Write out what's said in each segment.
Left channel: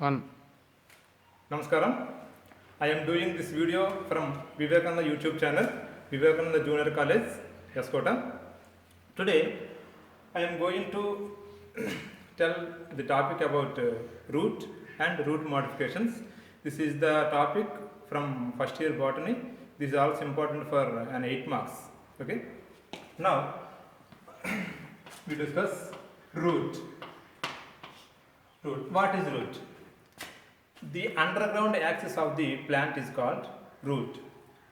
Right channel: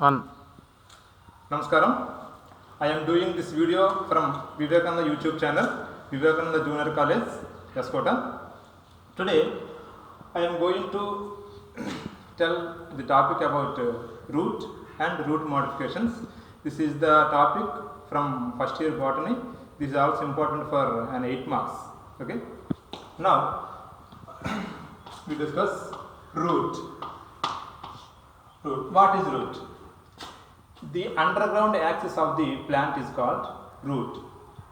One. Namaskaram. I am doing this video from Vivekananda YouTube channel, Vivekananda Junior College, Yaskota. Today, I am going to tell the topic about root and root modifications. This is the topic from first year botany. This is also important for an 8 marks. Okay. Now, we discuss root. Root. What is root? The underground axis of the plant is called root.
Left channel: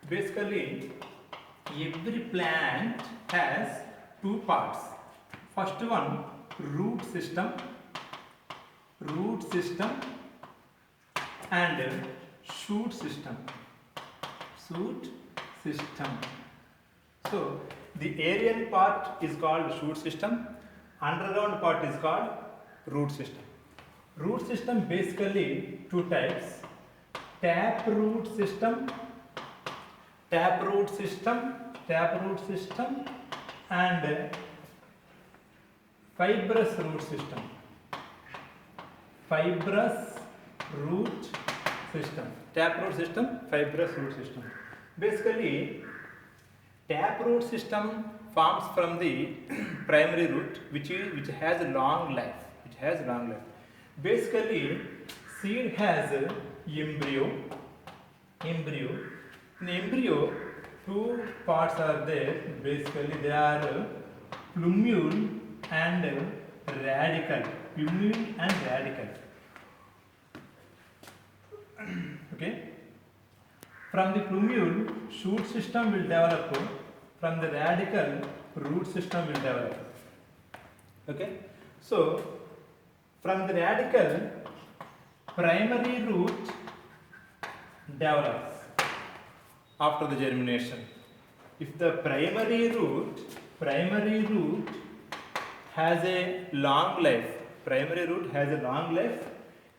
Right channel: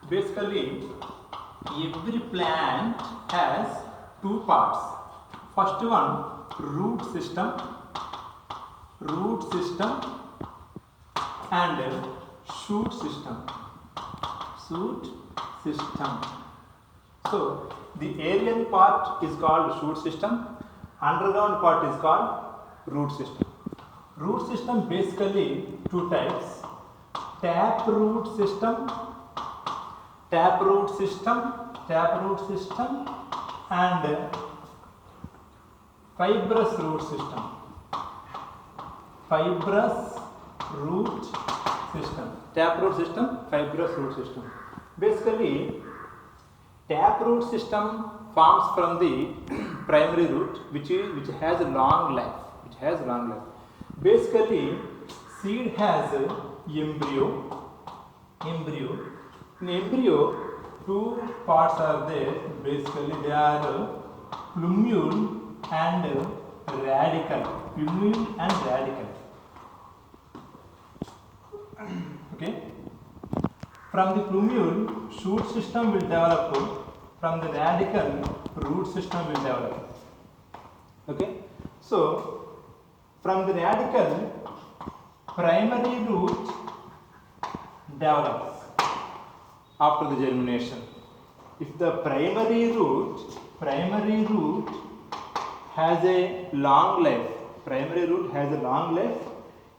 Basically, every plant has two parts. First one, root system and shoot system. So, the aerial part is called shoot system, underground part is called root system. Root system basically two types: tap root system and fibrous root system. Tap root system, fibrous root system. Basically, tap root system forms from the primary root, which has a long life. Basically, seed has embryo. In embryo, two parts are there. Basically, they are plumule and radicle. Okay. From the plumule, shoot system will develop. From the radicle, root system will develop. Okay. So, from the radicle, primary root develops after the germination. If the primary root has a long life,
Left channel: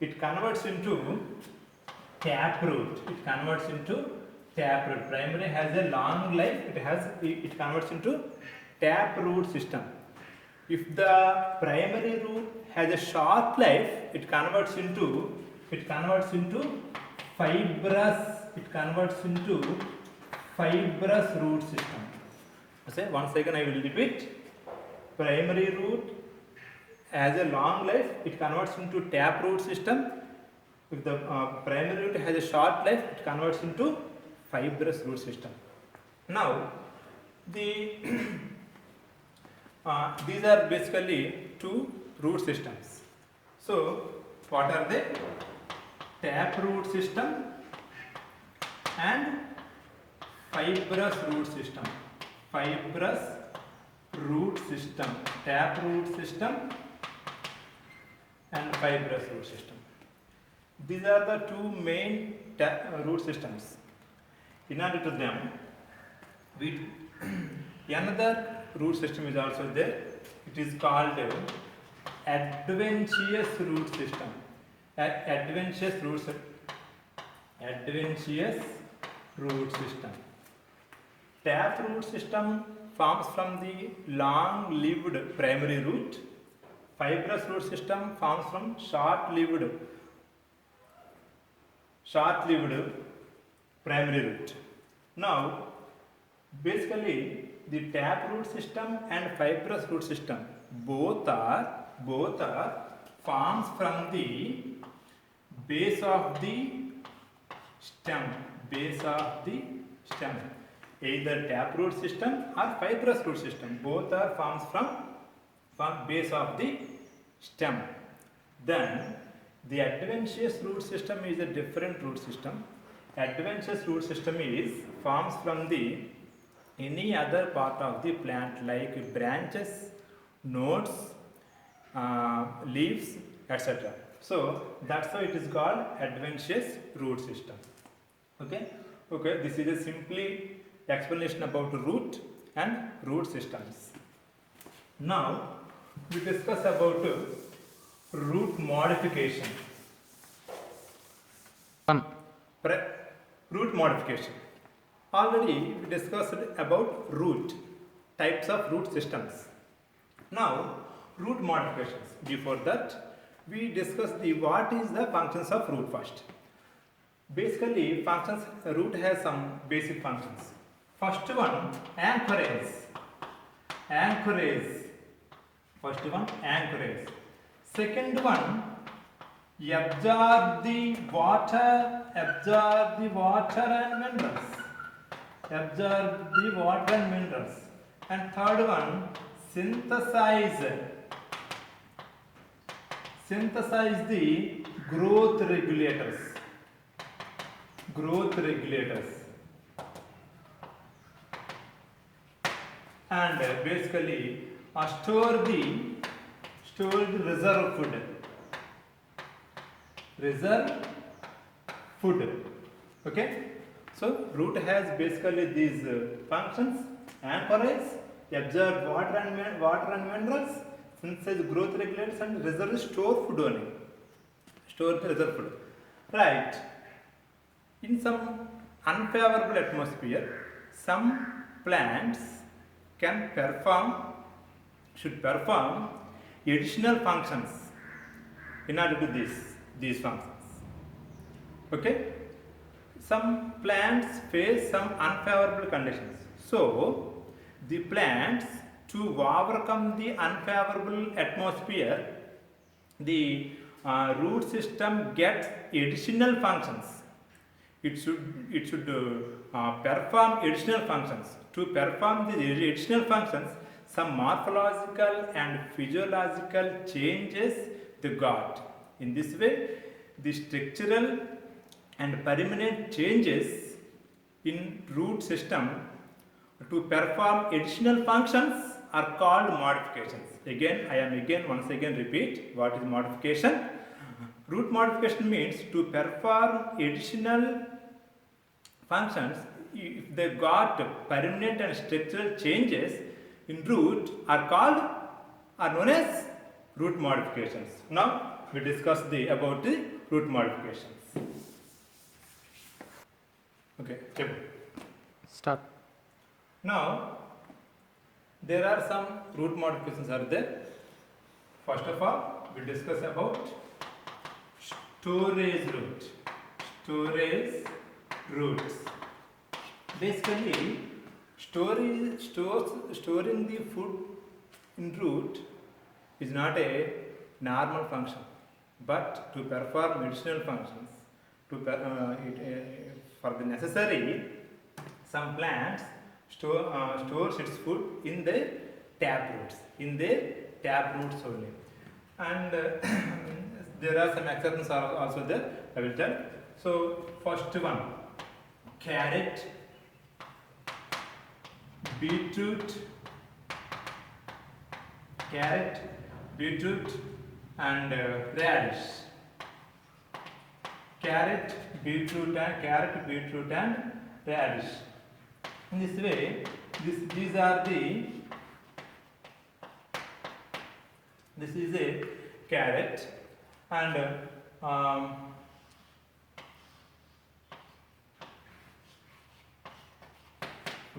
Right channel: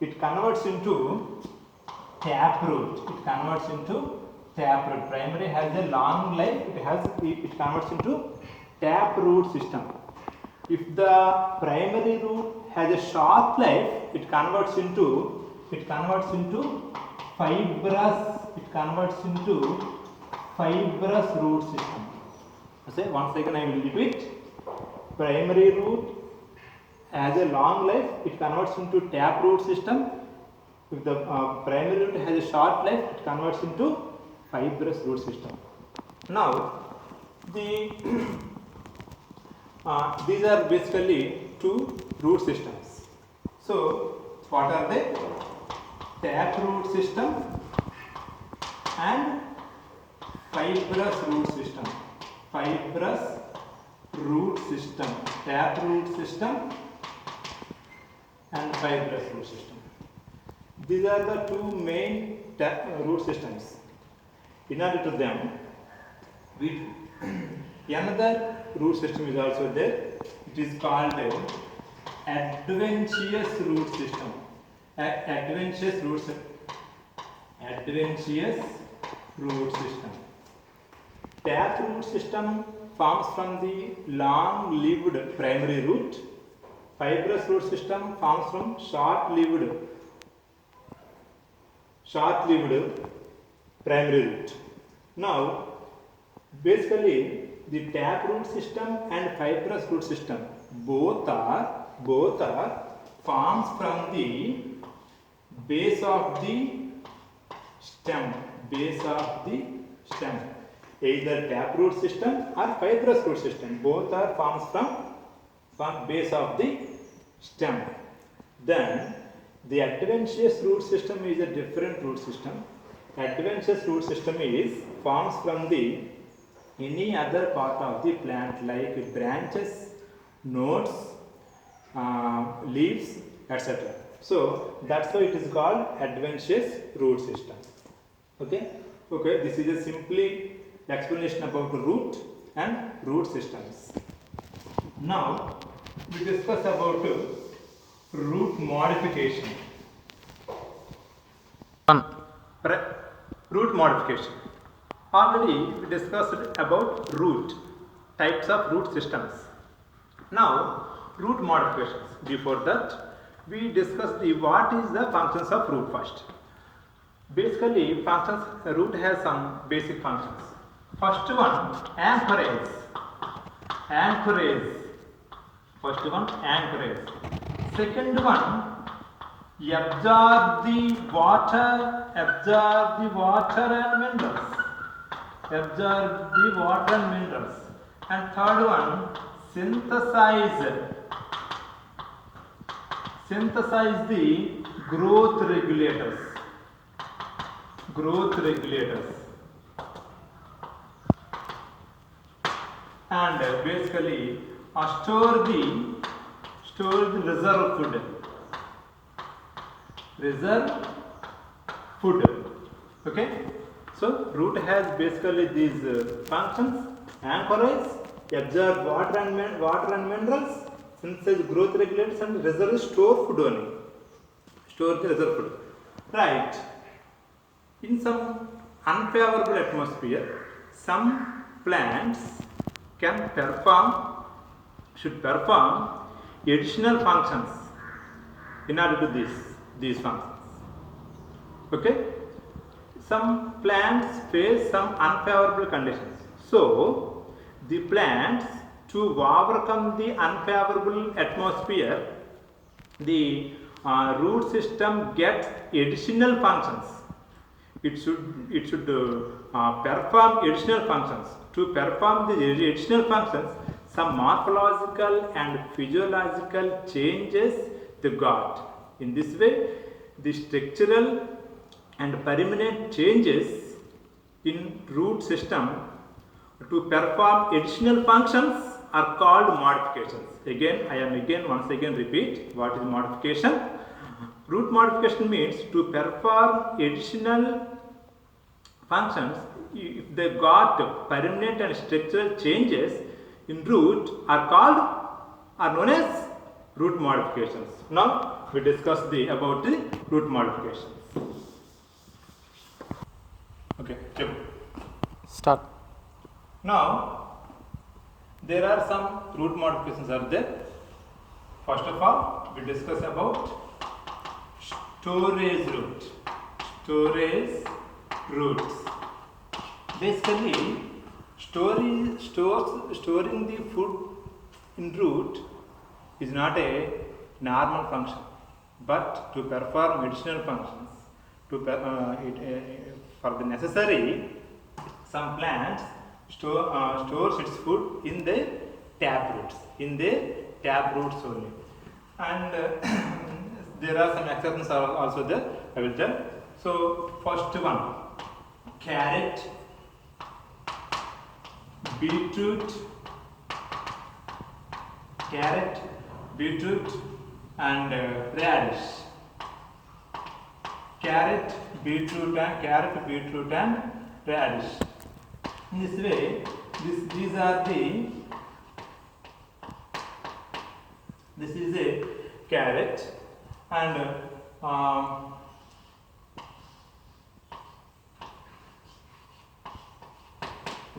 it converts into tap root. Primary has a long life, it converts into tap root system. If the primary root has a short life, it converts into fibrous root system. Once again I will repeat. Primary root has a long life, it converts into tap root system. If the primary root has a short life, it converts into fibrous root system. Now, these are basically two root systems. So, what are they? Tap root system and fibrous root system. Tap root system and fibrous root system. These are the two main root systems. In order to them, another root system is also there. It is called adventitious root system. Adventitious root system. Tap root system forms from the long-lived primary root. Fibrous root system forms from short-lived primary root. Now, basically, the tap root system and fibrous root system both are forms from the base of the stem. Either tap root system or fibrous root system, both are forms from base of the stem. Then the adventitious root system is a different root system. Adventitious root system forms from the any other part of the plant like branches, nodes, leaves, etc. So that's why it is called adventitious root system. Okay, this is a simply explanation about root and root systems. Now we discuss about root modification. One. Root modification. Already we discussed about root, types of root systems. Now, root modifications. Before that, we discuss the what is the functions of root first. Basically, functions root has some basic functions. First one, anchorage. Anchorage. First one, anchorage. Second one, absorb the water and minerals. Absorb the water and minerals. And third one, synthesize the growth regulators. And basically store the reserve food. Okay, so root has basically these functions: anchorage, absorb water and minerals, synthesize growth regulators, and reserve store food only. Store the reserve food. Right. In some unfavorable atmosphere, some plants should perform additional functions in order to these functions. Okay? Some plants face some unfavorable conditions. So, the plants, to overcome the unfavorable atmosphere, the root system gets additional functions. It should perform additional functions. To perform the additional functions, some morphological and physiological changes they got. In this way, the structural and permanent changes in root system to perform additional functions are called modifications. Once again repeat what is modification. Root modification means to perform additional functions if they got permanent and structural changes in root are known as root modifications. Now we discuss about the root modifications. Okay, check. Start. Now there are some root modifications are there. First of all, we discuss about storage roots. Basically, storing the food in root is not a normal function, but to perform additional functions, for the necessary, some plants stores its food in the tap roots only, and there are some exceptions are also there. I will tell. So first one, carrot, beetroot, and radish. Carrot, beetroot, and radish. In this way, this is a carrot, and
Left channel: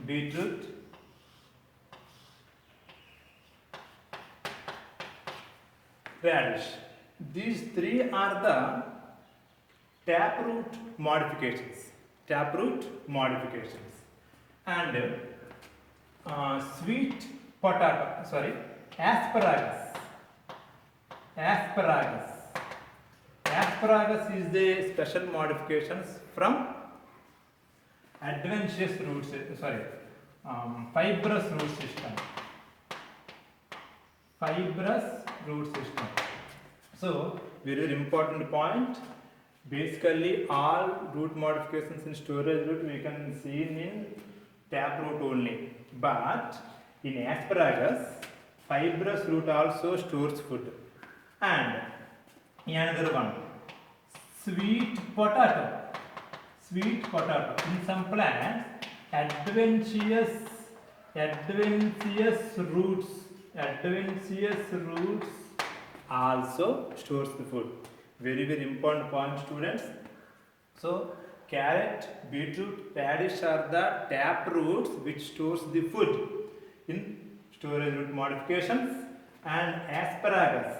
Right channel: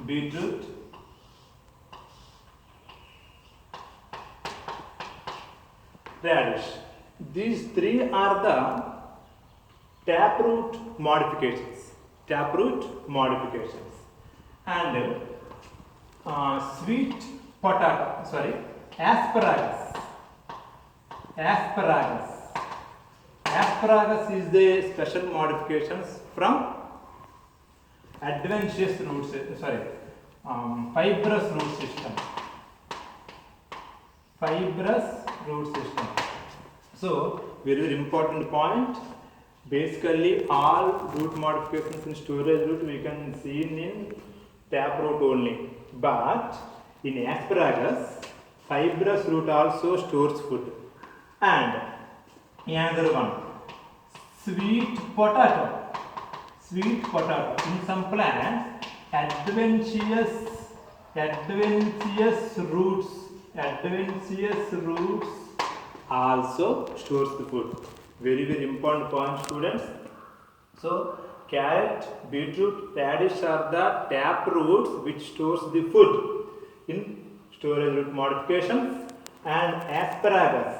beetroot, radish. These three are the taproot modifications. And sweet potato, asparagus is the special modifications from fibrous root system. So very important point. Basically, all root modifications in storage root we can see in taproot only, but in asparagus, fibrous root also stores food. And another one, sweet potato. In some plants, adventitious roots also stores the food. Very important point, students. So carrot, beetroot, radish are the tap roots which stores the food in storage root modifications, and asparagus,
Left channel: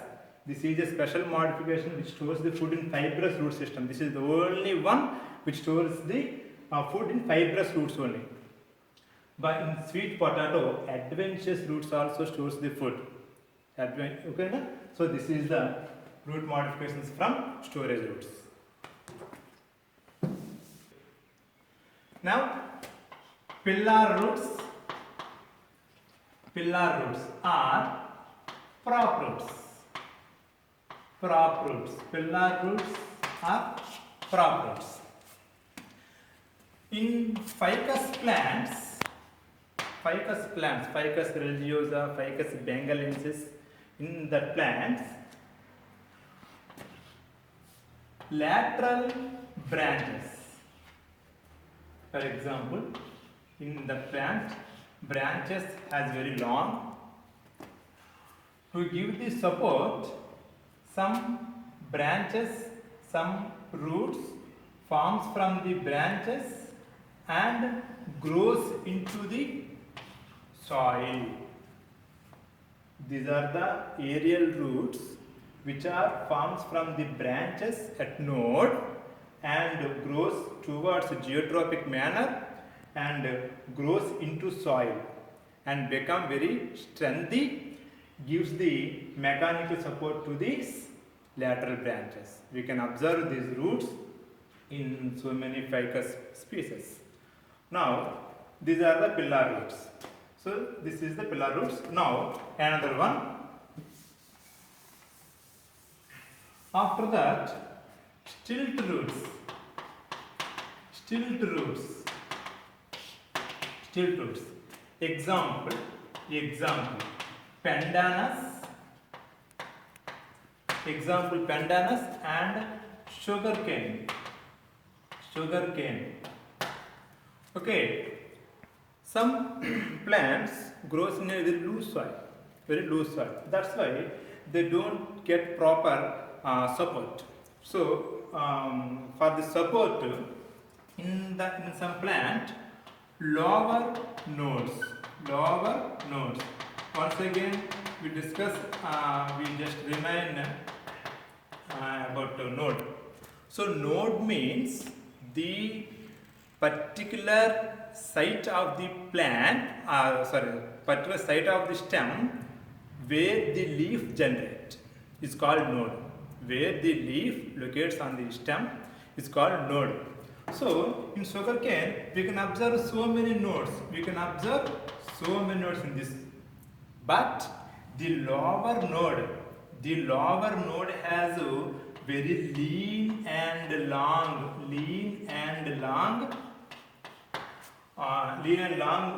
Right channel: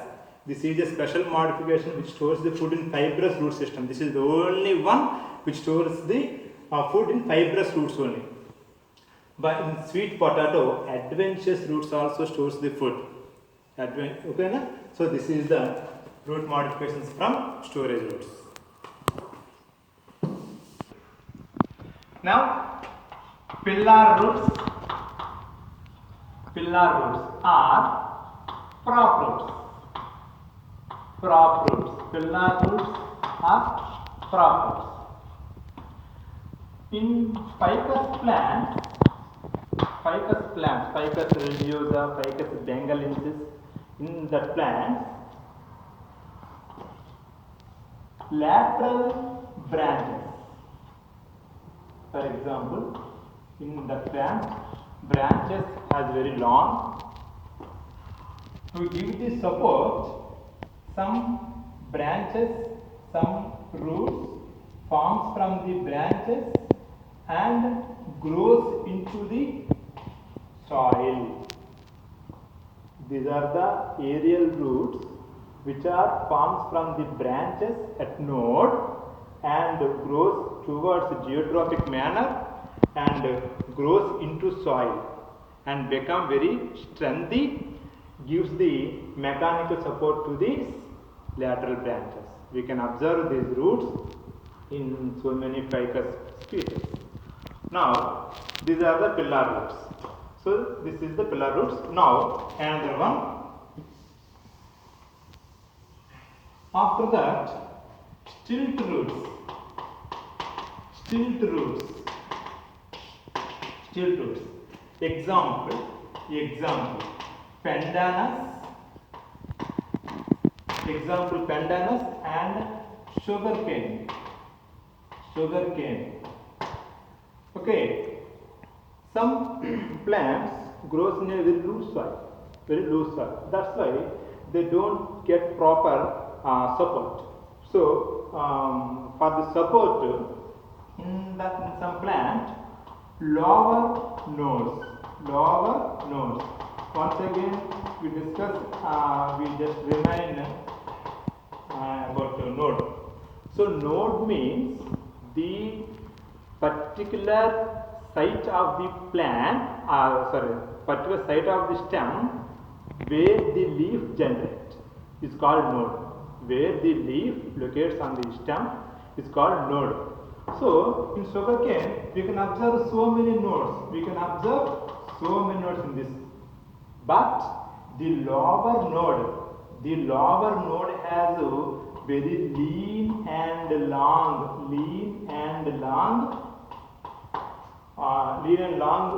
This is a special modification which stores the food in fibrous root system. This is the only one which stores the food in fibrous roots only. But in sweet potato, adventitious roots also stores the food. Okay, na? So this is the root modifications from storage roots. Now, pillar roots are prop roots. Pillar roots are prop roots. In ficus plants, Ficus religiosa, Ficus bengalensis, in the plants, lateral branches. For example, in the plant, branches has very long. To give the support, some branches, some roots forms from the branches and grows into the soil. These are the aerial roots which are forms from the branches at node and grows towards geotropic manner and grows into soil and become very strengthy, gives the mechanical support to these lateral branches. We can observe these roots in so many ficus species. Now, these are the pillar roots. So, this is the pillar roots. Now, another one. After that, stilt roots. Example, pandanus and sugarcane. Okay, some plants grows in a very loose soil. That's why they don't get proper support. So for the support in some plant, lower nodes. Once again we discuss, we just remind about node. So node means the particular site of the plant, particular site of the stem where the leaf generates is called node. Where the leaf locates on the stem is called node. So in sugarcane we can observe so many nodes. In this. But the lower node has a very lean and long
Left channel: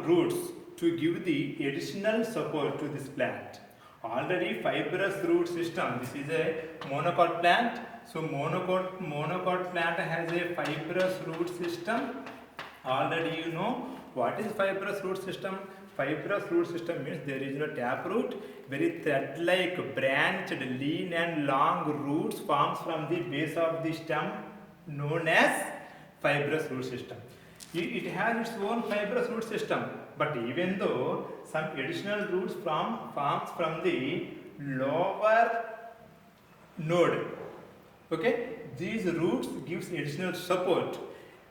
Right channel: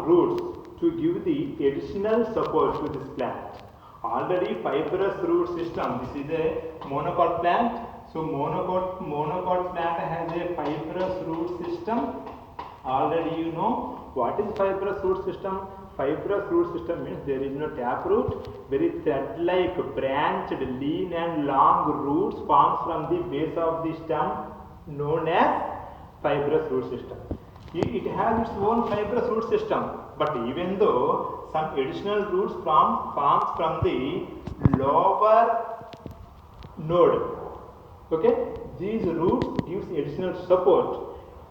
roots to give the additional support to this plant. Already fibrous root system. This is a monocot plant. So monocot plant has a fibrous root system. Already you know what is fibrous root system. Fibrous root system means there is no taproot. Very thread-like, branched, lean and long roots forms from the base of the stem, known as fibrous root system. It has its own fibrous root system, but even though some additional roots forms from the lower node, okay, these roots gives additional support,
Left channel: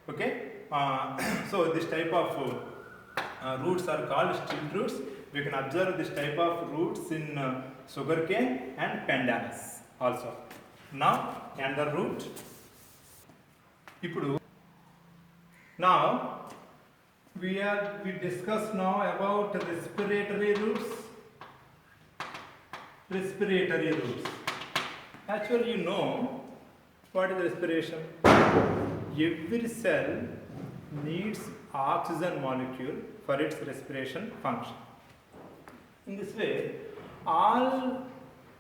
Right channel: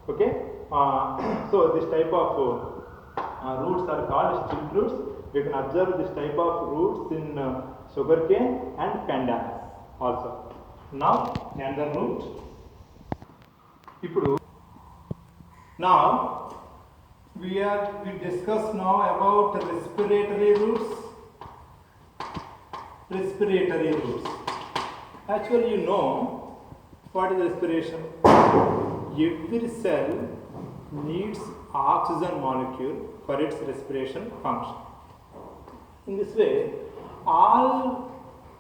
okay. So this type of roots are called stilt roots. We can observe this type of roots in sugarcane and pandanus also. Now another root. Now we discuss now about respiratory roots. Actually, you know what is respiration. Every cell needs oxygen molecule for its respiration function. In this way, all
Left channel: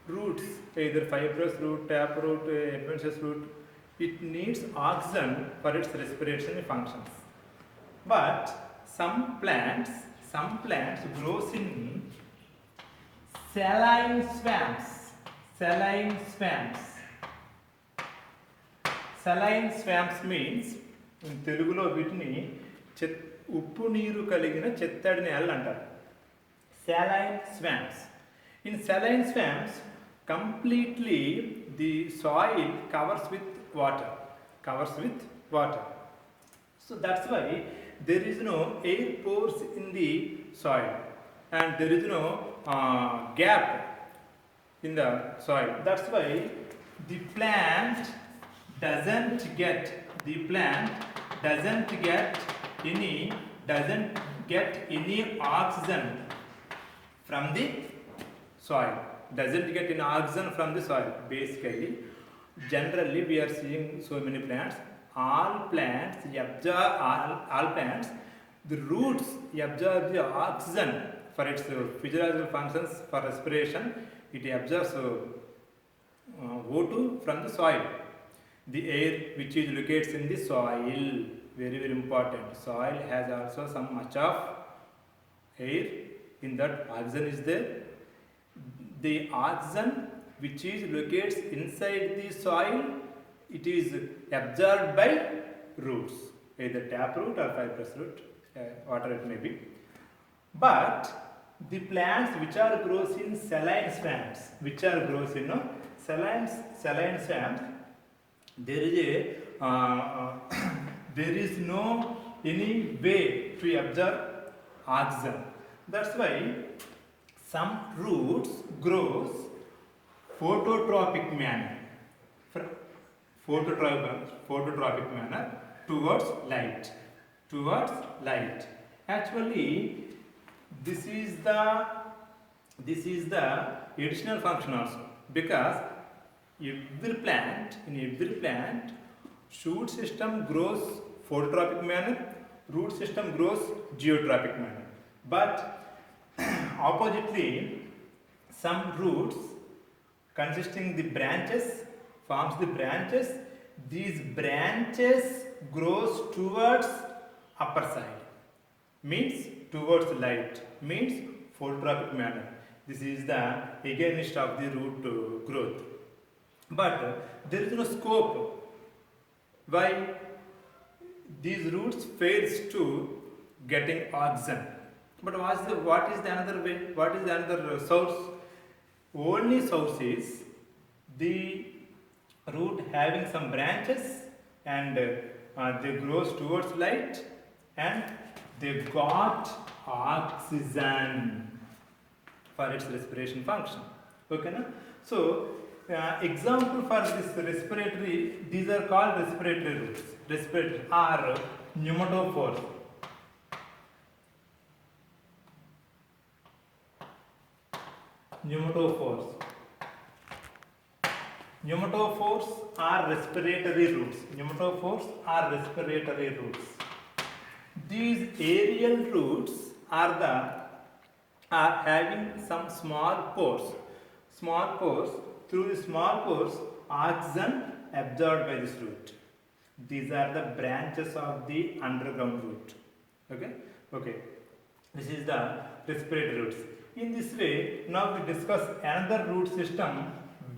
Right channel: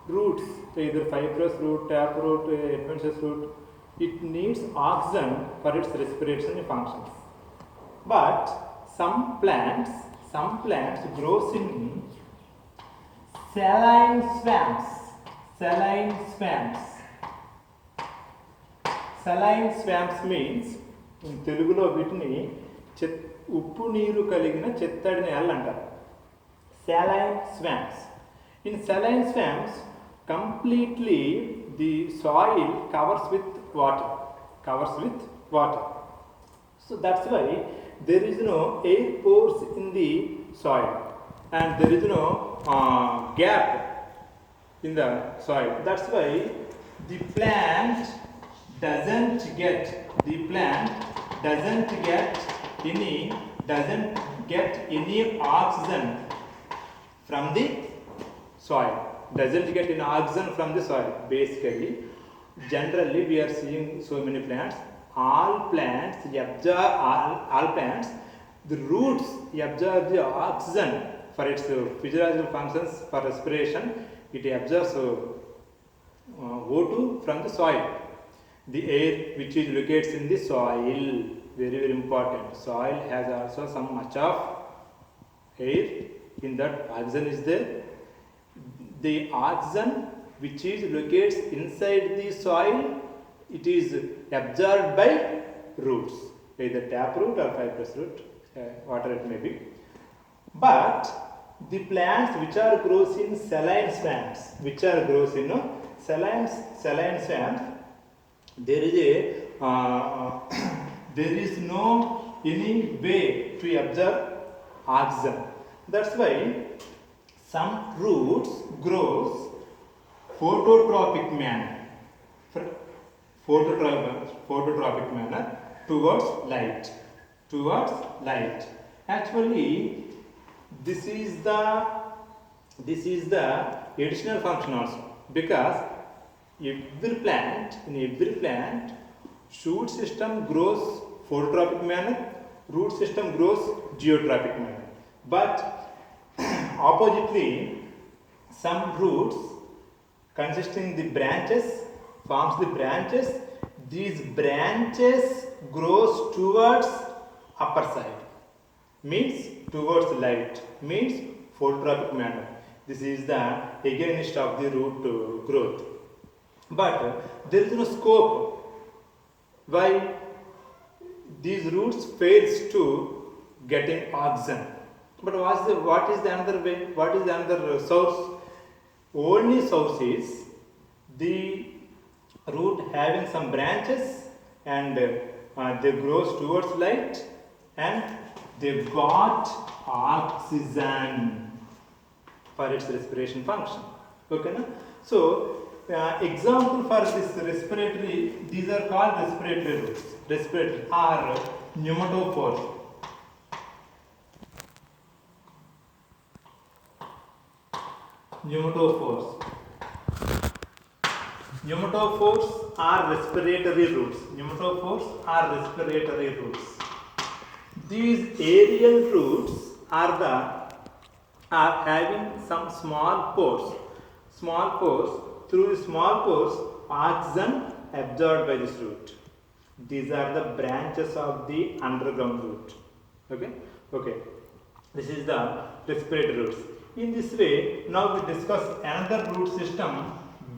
roots, either fibrous root, taproot, adventitious root, it needs oxygen for its respiration functions. But some plants grows in saline swamps. Saline swamps means in Telugulo వీటిని ఉప్పు నీరు కలిగిన చెత్తడి నేలలు అంటారు. Saline swamps. In saline swamps, completely the soil covers with water, so that's why there is no air pores in the soil, and there is no gap in the soil. That's why the plant doesn't get any oxygen from the soil. Basically, generally we are seeing so many plants. All plants, the roots absorb the oxygen for its physiological functions. For respiration, it absorbs O2 from the soil. The air which is located in the soil, very very important. Soil has also some much of air, in that oxygen is there. The oxygen which is located inside the soil, it is absorbed by roots, either taproot or fibrous root, whatever it may be. But the plants which are grows in saline swamps, saline swamps, there is no any way to absorb oxygen. That's why some roots grows phototropic manner towards light. Actually, this is the additional function also, because in every plant shoot system grows phototropic manner, root system grows geotropic manner. But oppositely, some roots consisting the branches forms the branches. These branches grows towards upper side, means towards light, means phototropic manner. This is the against of the root growth. But there is no scope why these roots fails to getting oxygen. But what is the another way? What is the another source? Only source is the root having some branches, and they grows towards light, and they got oxygen for its respiration function. Okay, na? So example for this respiratory, these are called respiratory roots. Respiratory are pneumatophores. Pneumatophores are respiratory roots. These aerial roots are having some small pores. Through the small pores, oxygen absorbed by this root. These are the branches of the underground root. Okay. This is the respiratory roots. In this way, now we discuss another root system,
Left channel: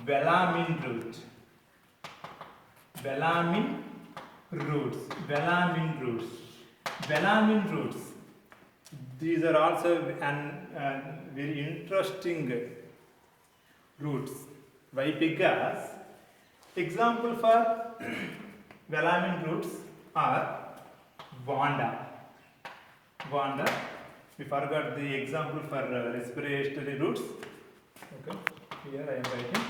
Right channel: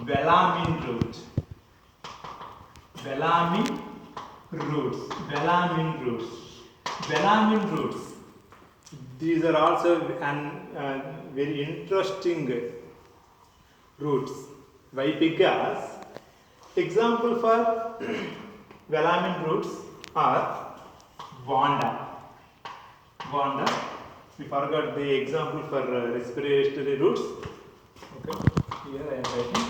velamin roots. Velamin roots. These are also very interesting roots. Why? Because example for velamin roots are Vanda. We forgot the example for respiratory roots. Okay, here I am writing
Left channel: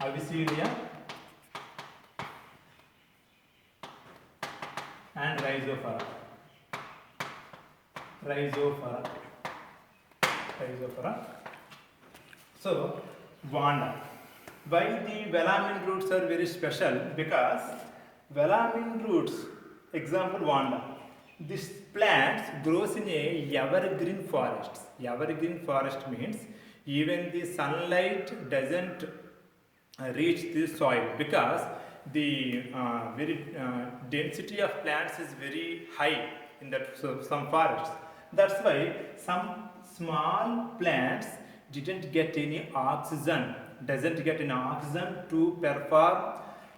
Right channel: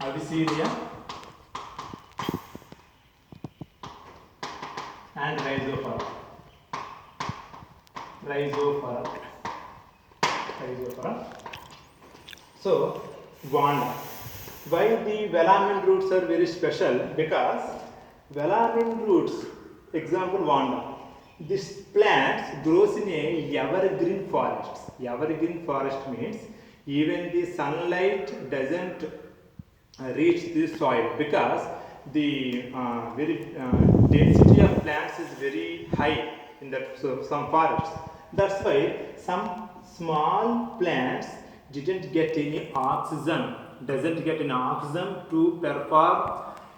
Avicennia and Rhizophora. So, Vanda. Why the velamin roots are very special? Because velamin roots, example Vanda, this plant grows in a evergreen forest. Evergreen forest means even the sunlight doesn't reach the soil, because the density of plants is very high in that some forests. That's why some small plants doesn't get any oxygen to perform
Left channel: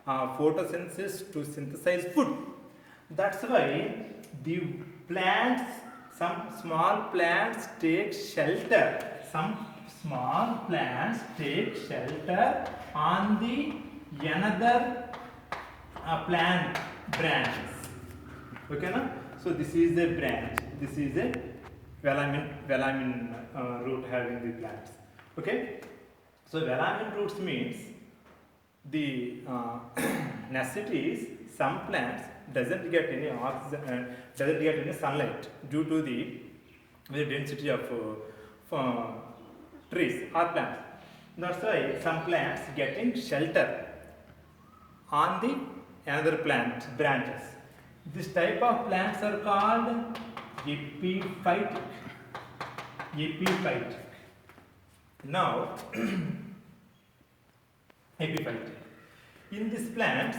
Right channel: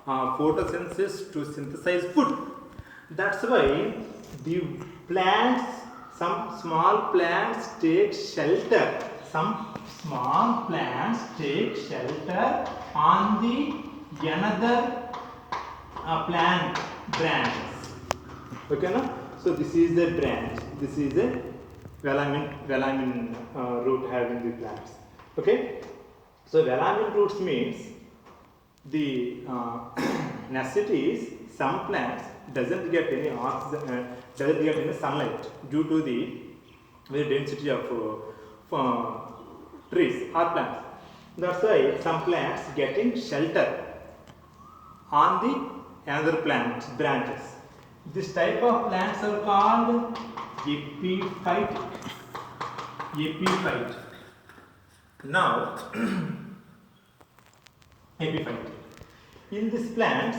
photosynthesis to synthesize food. That's why the plants, some small plants take shelter some small plants take shelter on the another plant branches. Okay, na? So this is the branch. This is a velamin root having the plants. Okay. So velamin roots means the necessities. Some plants doesn't get any oxygen, doesn't get any sunlight due to the very density of trees or plants. That's why some plants getting shelter on the another plant branches. This type of plants are called epiphytic. Epiphytic. Now, epiphytic. In these plants,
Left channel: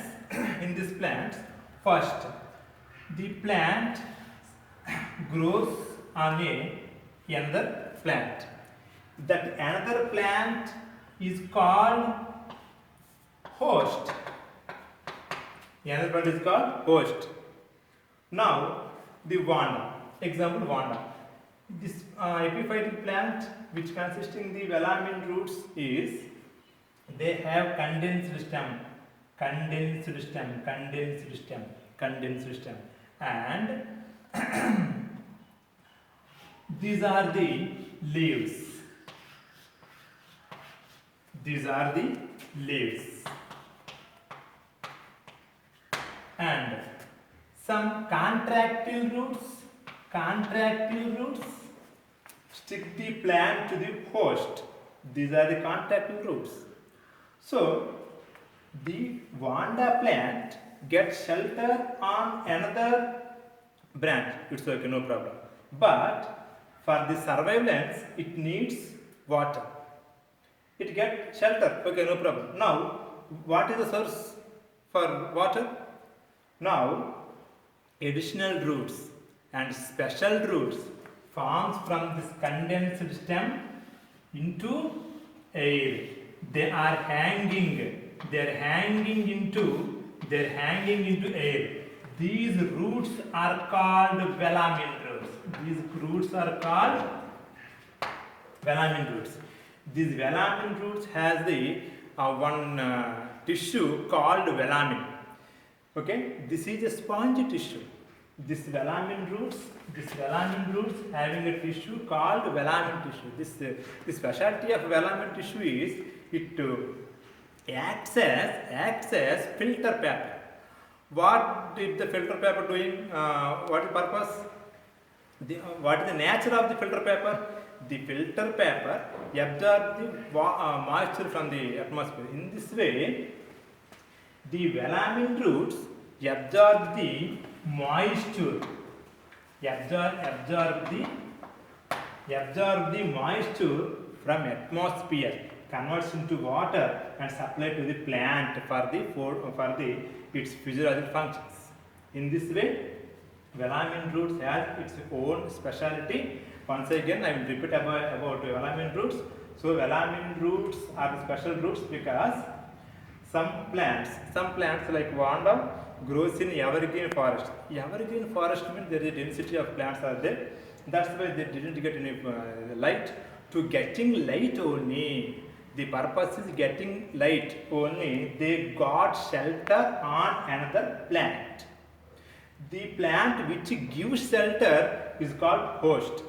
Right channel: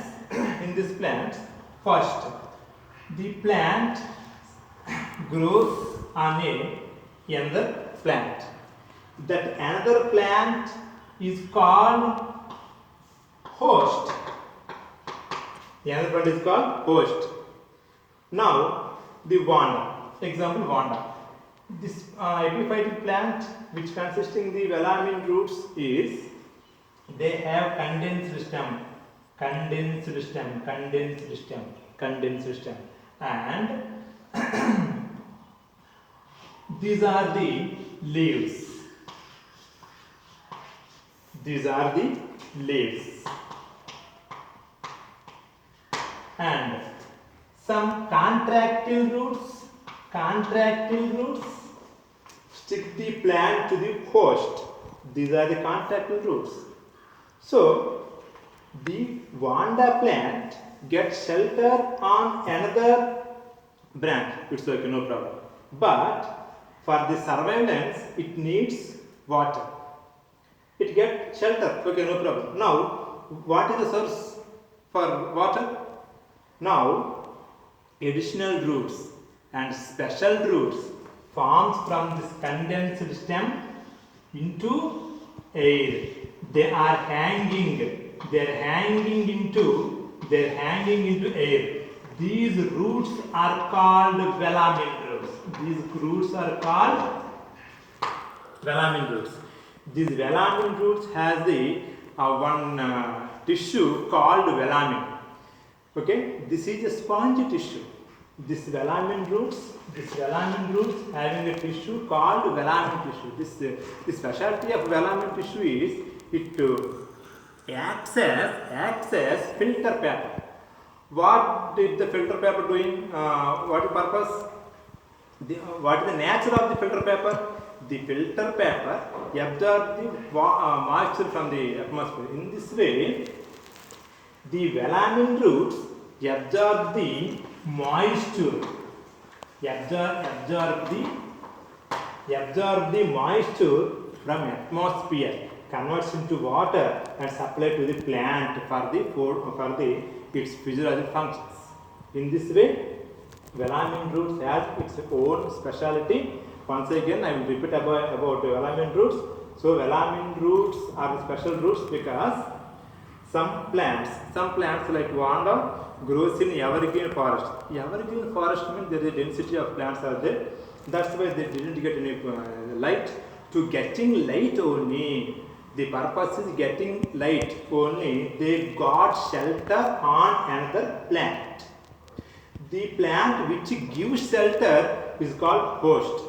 first the plant grows on another plant. That another plant is called host. The another plant is called host. Now the vanda. Example vanda. This epiphytic plant, which consisting the velamin roots, is they have condensed stem, and these are the leaves. And some contractile roots stick the plant to the host. These are the contractile roots. So the vanda plant gets shelter on another branch. It's okay, no problem. But for the surveillance, it needs water. It gets shelter. Okay, no problem. Now, what is the source for water? Now, additional roots and special roots forms from this condensed stem into air. They are hanging into air. These roots are called velamin roots. These velamin roots has the one tissue called velamin. Okay, this is a spongy tissue. This velamin roots having a tissue called velamin tissue. The specialty of velamin tissue is it acts as filter paper. What did the filter paper doing? What is the purpose? What is the nature of the filter paper? The filter paper absorbs the moisture from the atmosphere. In this way, the velamin roots absorb the moisture. Absorb the moisture from atmosphere, converts into water and supply to the plant for its physiological functions. In this way, velamin roots has its own speciality. Once again, I will repeat about velamin roots. So, velamin roots are the special roots because some plants like vanda grows in evergreen forest. Evergreen forest means there is a density of plants are there. That's why they didn't get any light. To getting light only, the purpose is getting light only, they got shelter on another plant. The plant which gives shelter is called host,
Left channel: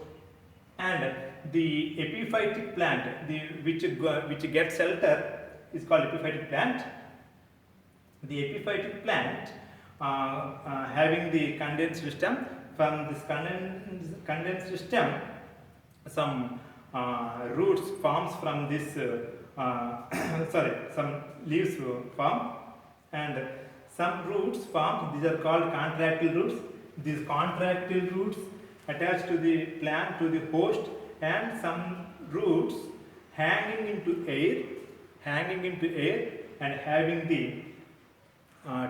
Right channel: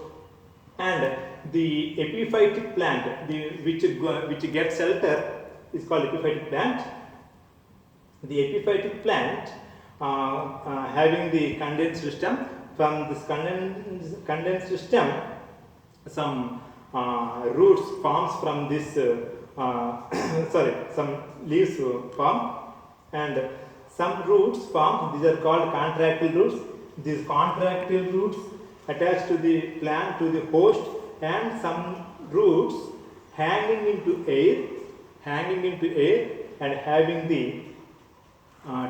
and the epiphytic plant which gets shelter is called epiphytic plant. The epiphytic plant having the condensed stem. From this condensed stem, some roots forms from this some leaves form, and some roots form. These are called contractile roots. These contractile roots attach to the plant, to the host, and some roots hanging into air and having the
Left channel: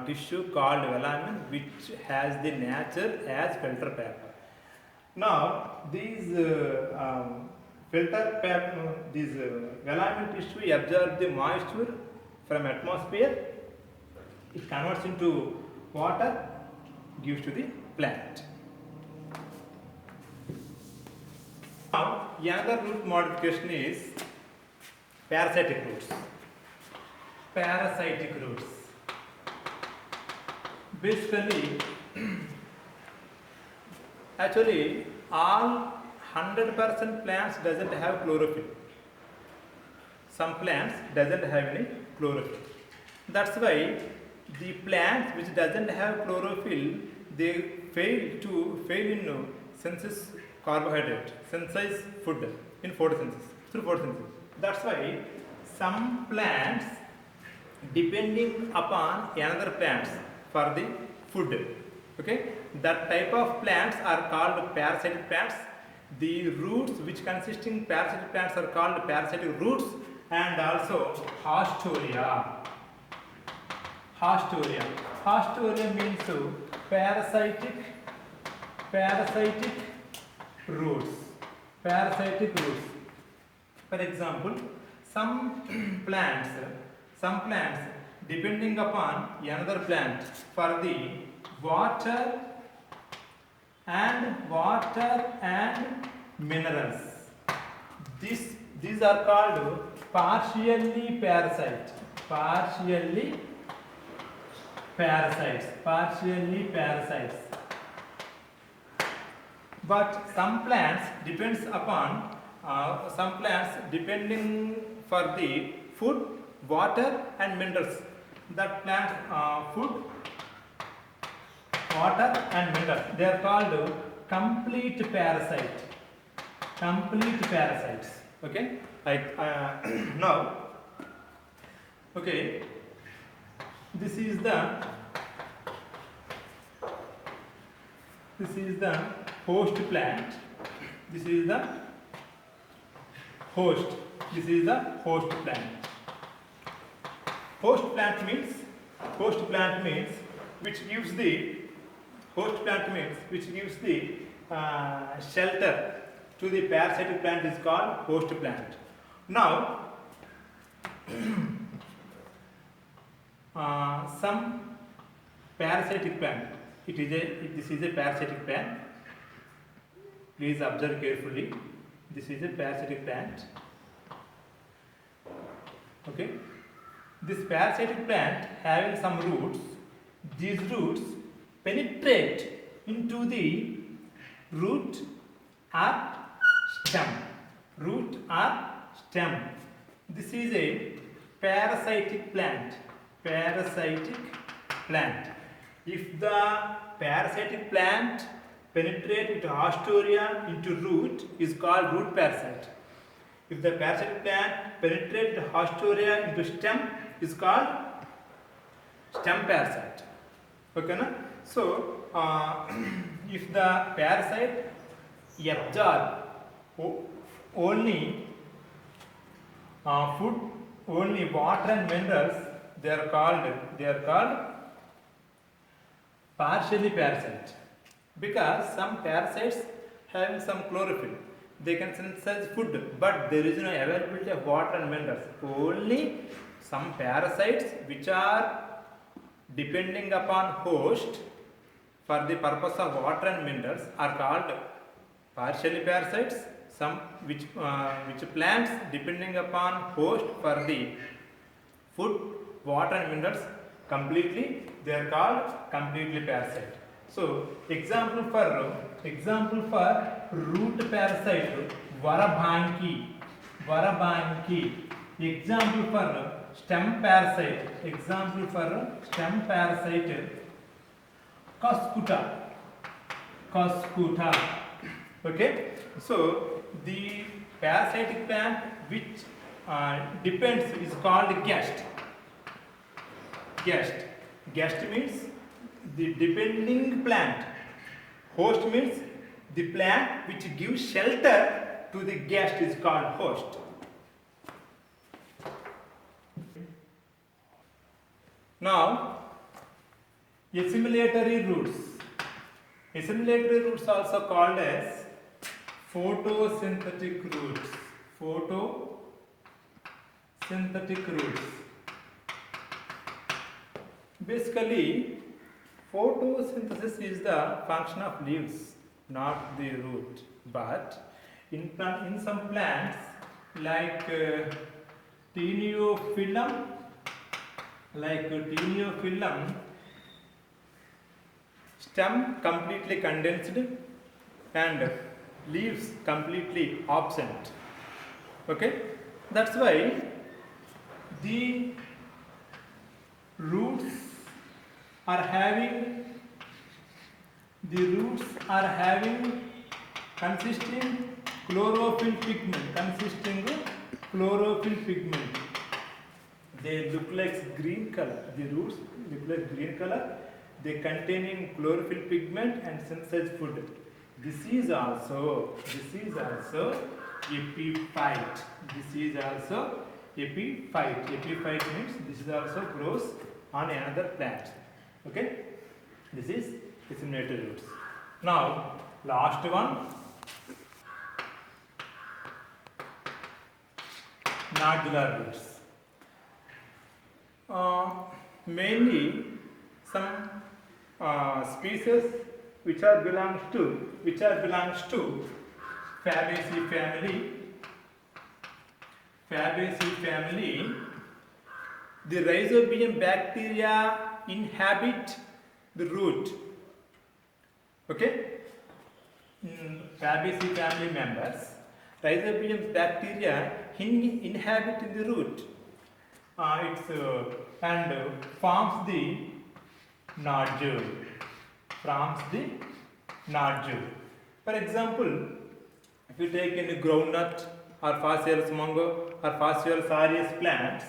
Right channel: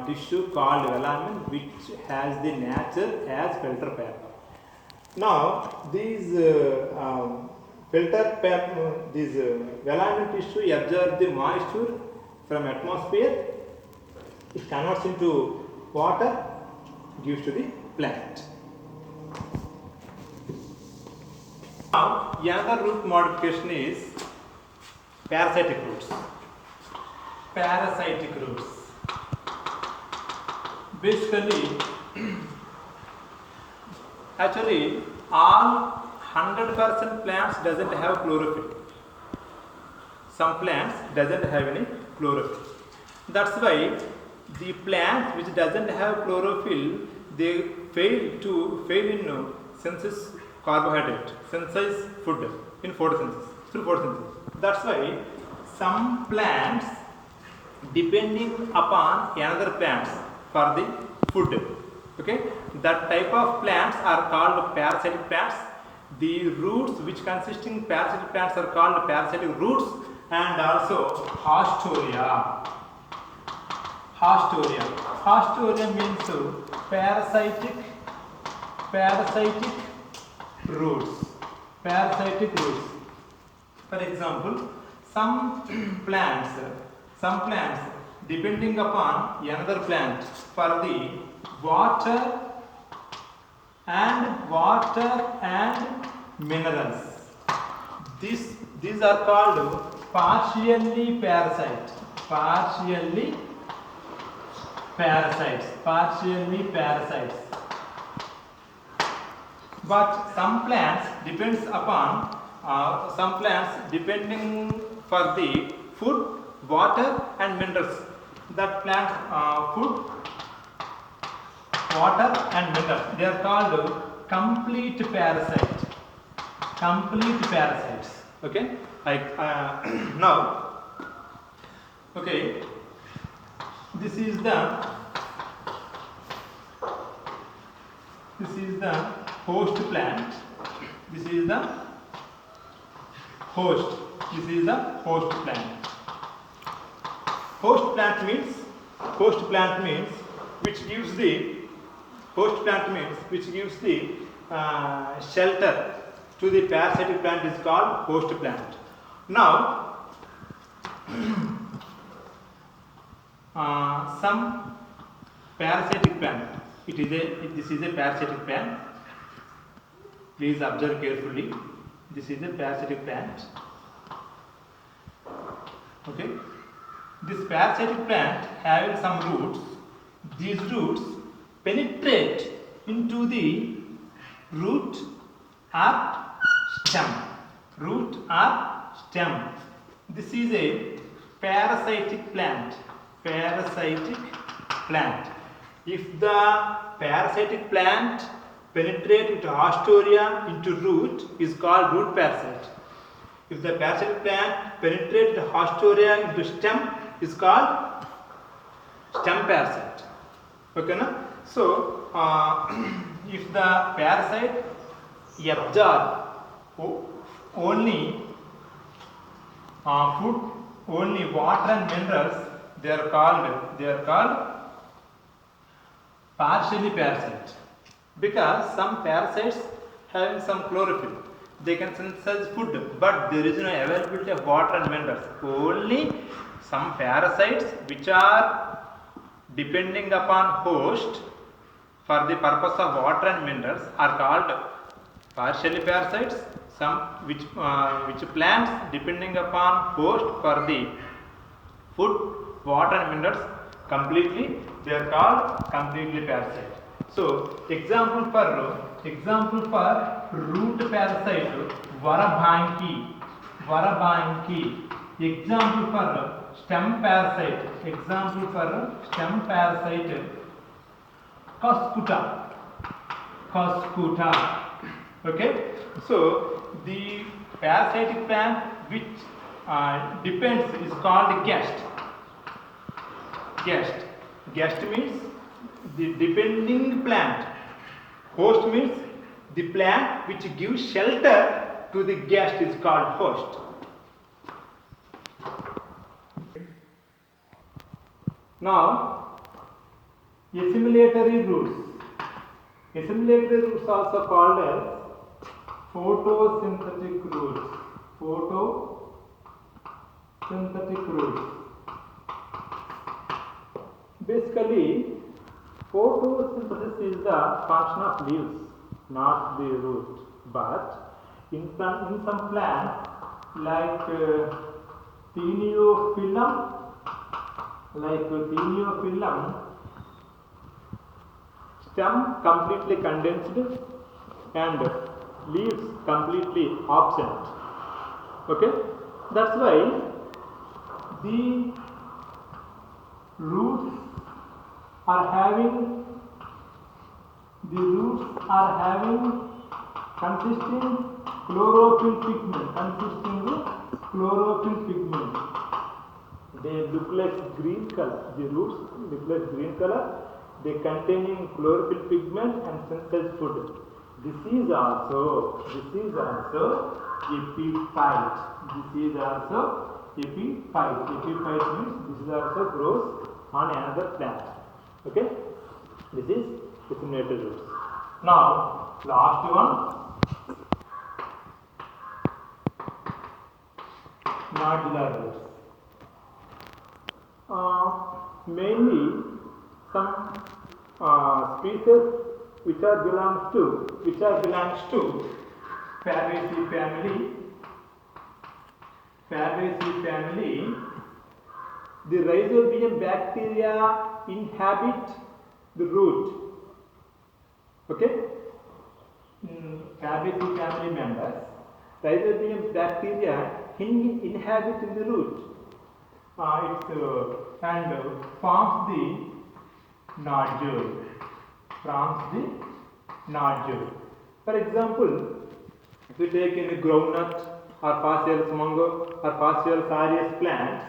tissue called velamin, which has the nature as filter paper. Now these velamin tissue absorb the moisture from atmosphere. It converts into water, gives to the plant. Now, another root modification is parasitic roots. Parasitic roots. Basically, actually, all 100% plants doesn't have chlorophyll. Some plants doesn't have any chlorophyll. That's why the plants which doesn't have chlorophyll, they fail in synthesis carbohydrate, synthesize food in photosynthesis, through photosynthesis. That's why some plants depending upon another plants for the food. Okay, that type of plants are called parasitic plants. The roots which consisting parasitic plants are called parasitic roots, and also Haustoria. Haustoria. Haustoria means parasitic roots. Parasitic roots. For example, some plants depending upon another plant for the water and minerals. These are called partially parasites. Partially parasites. But some plants depends upon some plants depending for the food, water and minerals. That plant food, water and minerals, they are called complete parasite. Complete parasites. Okay, like now, okay, this is the host plant. This is the host. This is the host plant. Host plant means which gives the shelter to the parasitic plant is called host plant. Now, some parasitic plant. This is a parasitic plant. Please observe carefully. This is a parasitic plant. Okay. This parasitic plant having some roots. These roots penetrate into the root or stem. Root or stem. This is a parasitic plant. Parasitic plant. If the parasitic plant penetrate into Haustoria into root is called root parasite. If the parasitic plant penetrate into Haustoria into stem is called stem parasite. Okay, na? So, if the parasite absorb only food, only water and minerals, they are called partially parasite. Because some parasites having some chlorophyll, they can synthesize food, but there is no availability of water and minerals. Only some parasites which are depending upon host for the purpose of water and minerals are called partially parasites. Some which plants depending upon host for the food, water and minerals completely, they are called completely parasite. So example for root parasite Varabhanki. Example for stem parasite. Cuscuta. Okay. So the parasitic plant which depends is called guest. Guest means the depending plant. Host means the plant which gives shelter to the guest is called host. Now, assimilatory roots. Assimilatory roots also called as photosynthetic roots. Photosynthetic roots. Basically, photosynthesis is the function of leaves, not the root. But in some plants like Taeniophyllum, stem completely condensed and leaves completely absent. Okay, that's why the roots are having consisting chlorophyll pigment. They look like green color. The roots look like green color. They containing chlorophyll pigment and synthesized food. This is also epiphyte. Epiphyte means this is also grows on another plant. Okay, this is disseminated roots. Now last one, nodular roots. Mainly some species which are belongs to Fabaceae family. The Rhizobium bacteria inhabit the root. Okay, Fabaceae family members, Rhizobium bacteria inhabit the root. And forms the nodule. For example, if you take any groundnut or Phaseolus mungo or Phaseolus aureus plants,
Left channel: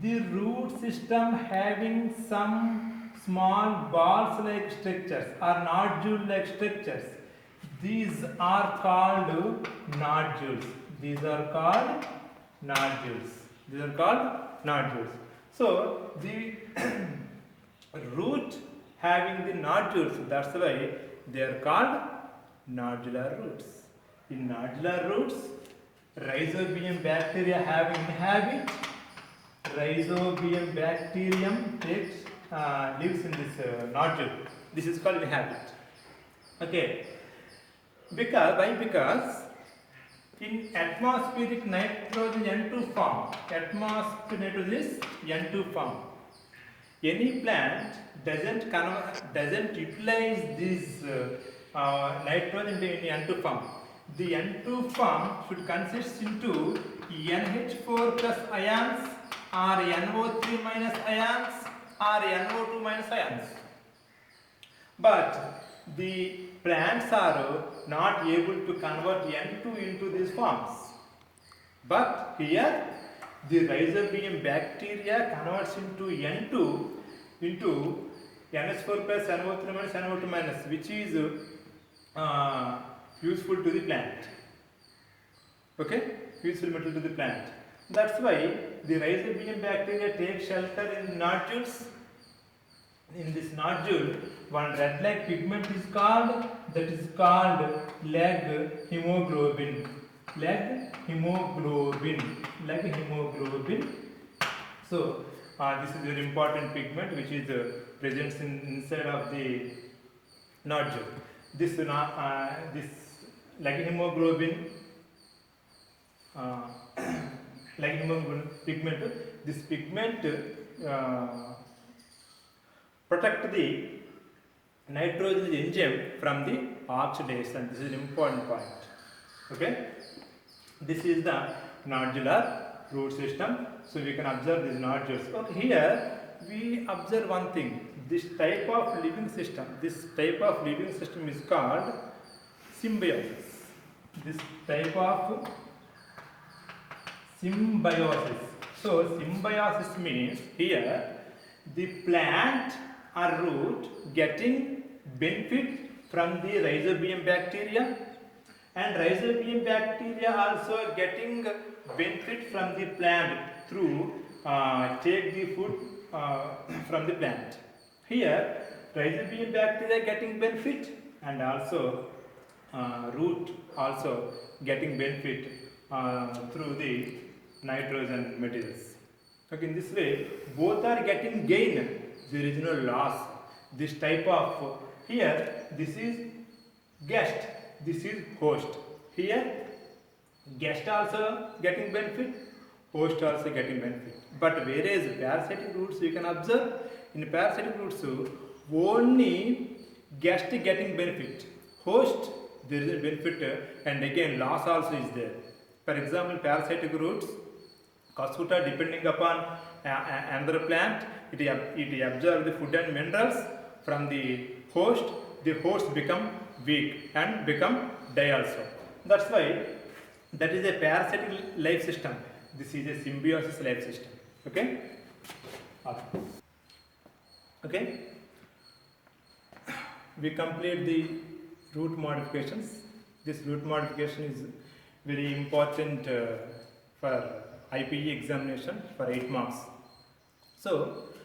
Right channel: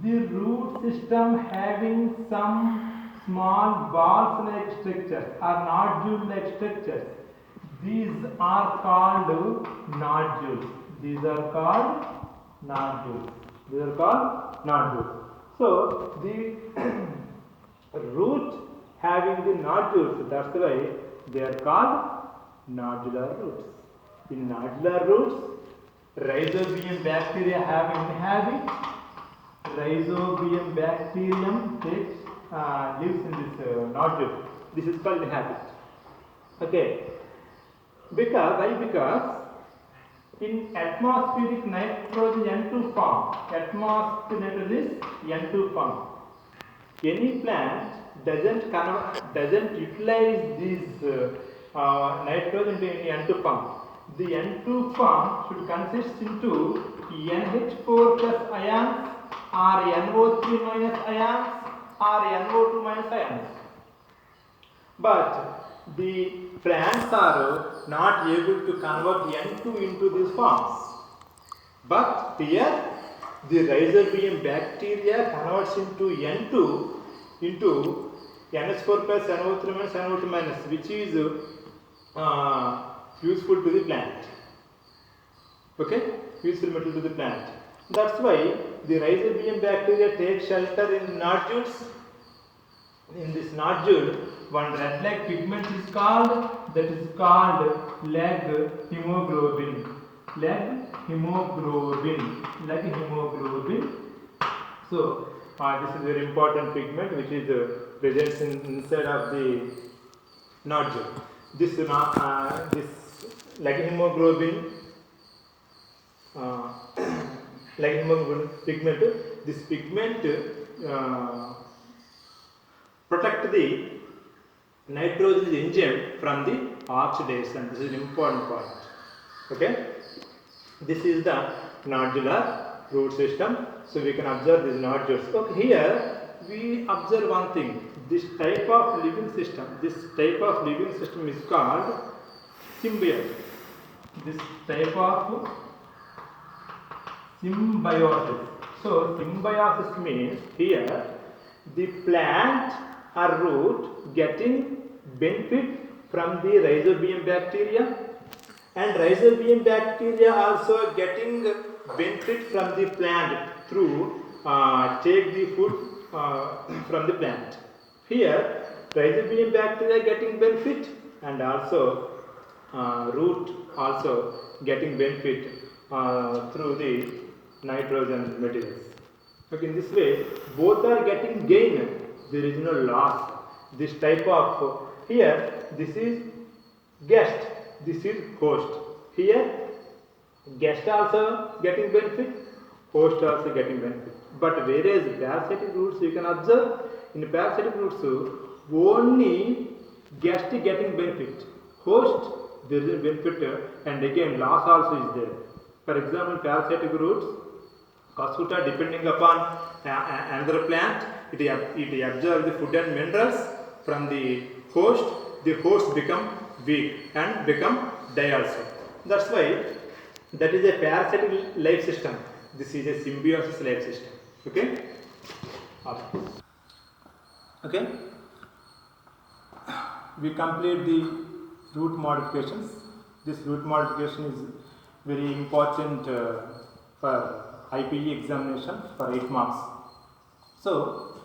the root system having some small balls-like structures or nodule-like structures. These are called nodules. So the root having the nodules, that's why they are called nodular roots. In nodular roots, Rhizobium bacteria inhabit. Rhizobium bacterium lives in this nodule. This is called inhabit. Okay. Because in atmospheric nitrogen N2 form, any plant doesn't utilize this nitrogen in N2 form. The N2 form should consist into NH4 plus ions or NO3 minus ions or NO2 minus ions. But the plants are not able to convert N2 into these forms. But here the Rhizobium bacteria converts into N2 into NH4 plus NO3 minus NO2 minus, which is useful to the plant. Okay, useful material to the plant. That's why the Rhizobium bacteria take shelter in nodules. In this nodule, one red-like pigment is called, leg hemoglobin. So this is a very important pigment which is present inside of the nodule. This leg hemoglobin pigment. This pigment protect the nitrogen enzyme from the oxidation. This is an important point. Okay, this is the nodular root system. So we can observe these nodules. Okay, here we observe one thing. This type of living system is called symbiosis. This type of symbiosis. So symbiosis means here the plant or root getting benefit from the Rhizobium bacteria, and Rhizobium bacteria also getting benefit from the plant through take the food from the plant. Here Rhizobium bacteria getting benefit, and also root also getting benefit through the nitrogen materials. Okay, in this way both are getting gain. There is no loss. This type of, here this is guest, this is host. Here Guest also getting benefit, host also getting benefit. But whereas parasitic roots, you can observe in parasitic roots only guest getting benefit, host there is a benefit, and again loss also is there. For example, parasitic roots, Casuta, depending upon another plant, it absorbs the food and minerals from the host become weak and become die also. That's why that is a parasitic life system. This is a symbiosis life system. Okay? Okay? We complete the root modifications. This root modification is very important for IPE examination for 8 marks. So,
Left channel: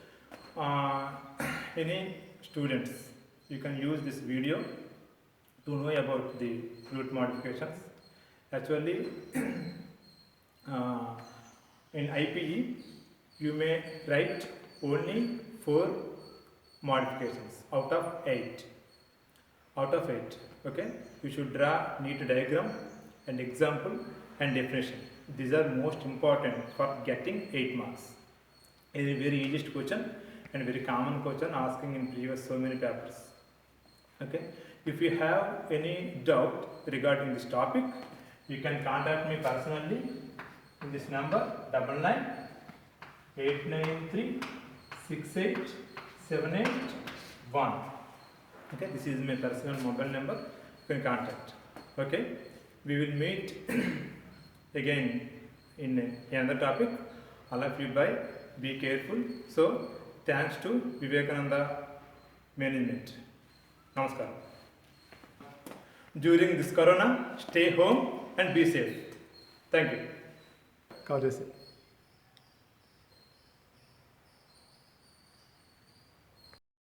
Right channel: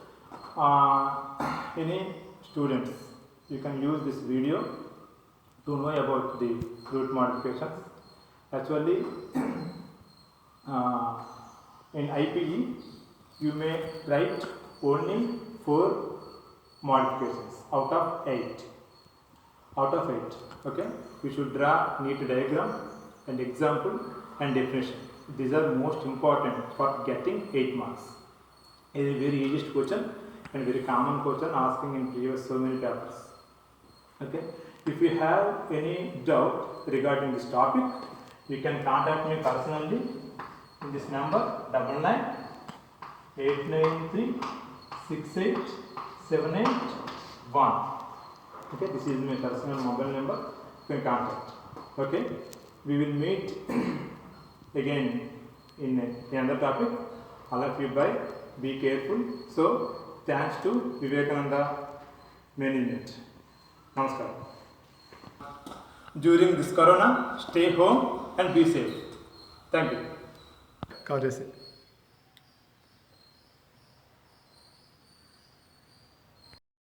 any students, you can use this video to know about the root modifications. Actually, in IPE, you may write only 4 modifications out of 8. Okay, you should draw neat diagram and example and definition. These are most important for getting 8 marks. It is a very easiest question and very common question asking in previous so many papers. Okay, if you have any doubt regarding this topic, you can contact me personally in this number 99-893-68781. Okay, this is my personal mobile number. You can contact. Okay, we will meet again in another topic. All of you bye. Be careful. So, thanks to Vivekananda Management. Namaskar. During this corona, stay home and be safe. Thank you. God bless you.